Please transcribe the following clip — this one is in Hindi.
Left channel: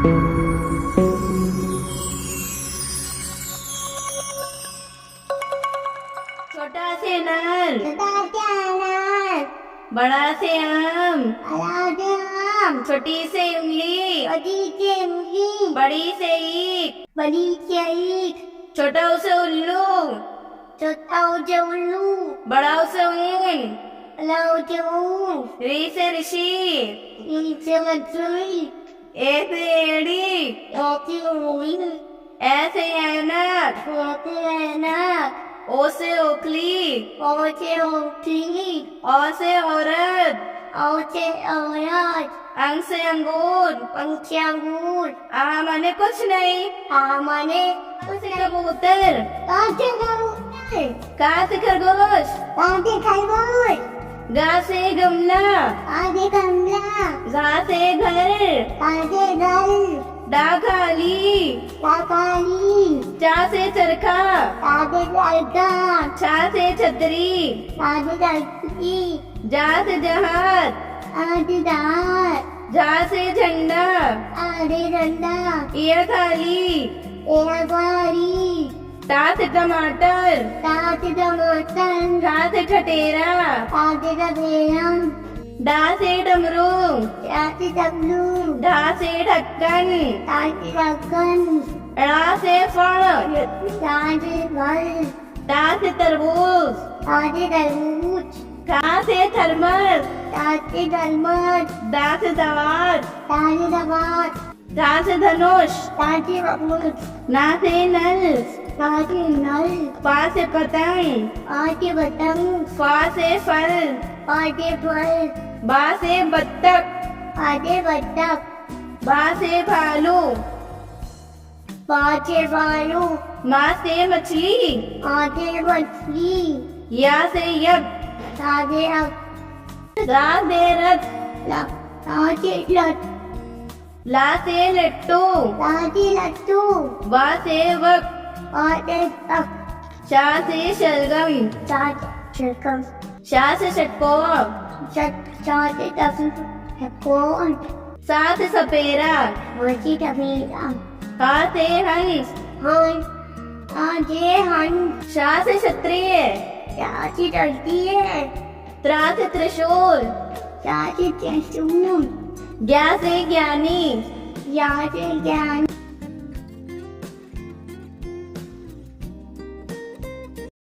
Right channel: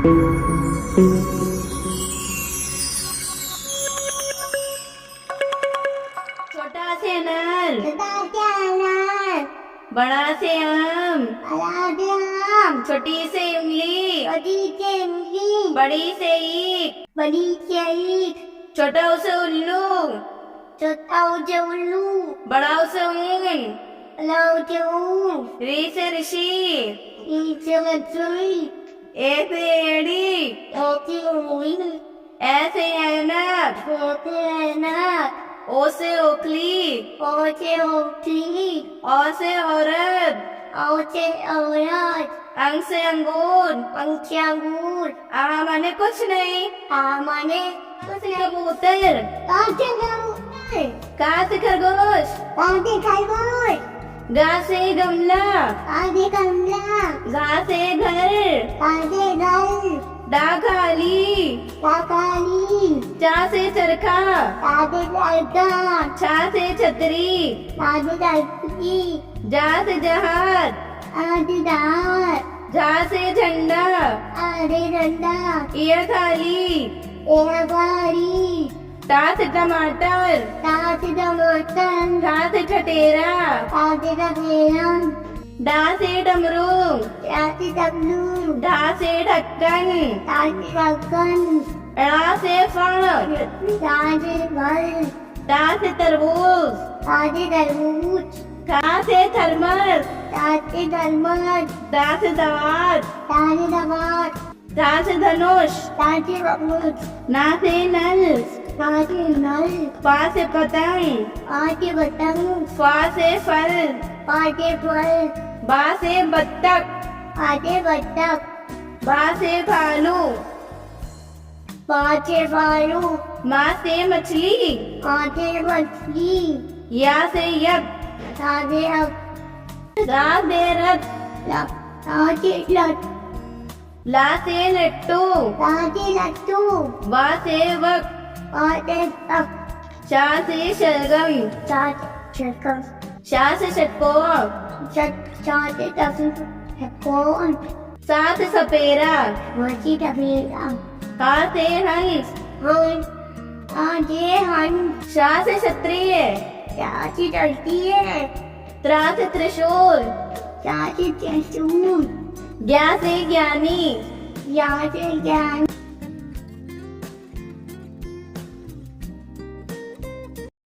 छोटा से नर, छोटा से अनार, बड़ा से आम, बड़ा से आम, छोटी से उंगली, छोटी से उंगली, बड़ी से ईंट, बड़ी से ईंट, छोटा उसे उल्लू, छोटा से उल्लू, बड़ा उसे ऊन, बड़ा से ऊँट, री से ऋषि, ई से मछली, ए से एड़ी, ओ से उंगली, ए से ऐनक, ओ से ऐनक, ओ से ओखली, ओ से ओखली, औ से औरत, ओ से औरत, अंग से अंगूर, पंख से अंगूर, आ माने कुछ नहीं, आ माने कुछ नहीं कबूतर, का से कबूतर, का से खरगोश, का से खरगोश, गा से गमला, का से कमला, गा से घर, का से घर, डा खाली, का काली, चा से चरखा, का से लड़का, छा से छतरी, का से लड़की, जा से जहाज, आदि दार, झा से झंडा, आदि डंडा, ये थाली, एरा गाड़ी, टा से टमाटर, ता से टमाटर, ठा से ठटेरा, ता से टपेरा, डा से डमरू, ता से डबलू, ढा से ढक्कन, ता से ढक्कन, ड़ा से फल, ता से फल, टा से तरबूज, ता से तरबूज, था से थर्मस, ता से थर्मस, दा से दावत, ता से दवात, धा से धनुष, ता से धनुष, ना से नल, ता से नल, पा से पतंग, पा से पतंग, फा से फल, पा से फल, बा से बत्तख, पा से बत्तख, बा से भालू, पा से भालू, मा से मछली, आ से मछली, या से यज्ञ, ता से अब, रा से रथ, ता से लट, ला से लट्टू, ता से लट्टू, वा से वक, पा से तक, शा से शलगम, ता से शकम, शा से षटकोर, ता से तफी, कौन, सा से सपेरा, वसी टफीरा, हा से हंस, हंस, आजे हंस, शा से क्षत्रिय, ता से डरती है, त्रा से त्रिशूल, ता से त्रिशूल, ज्ञा से ज्ञानी, या से ज्ञान,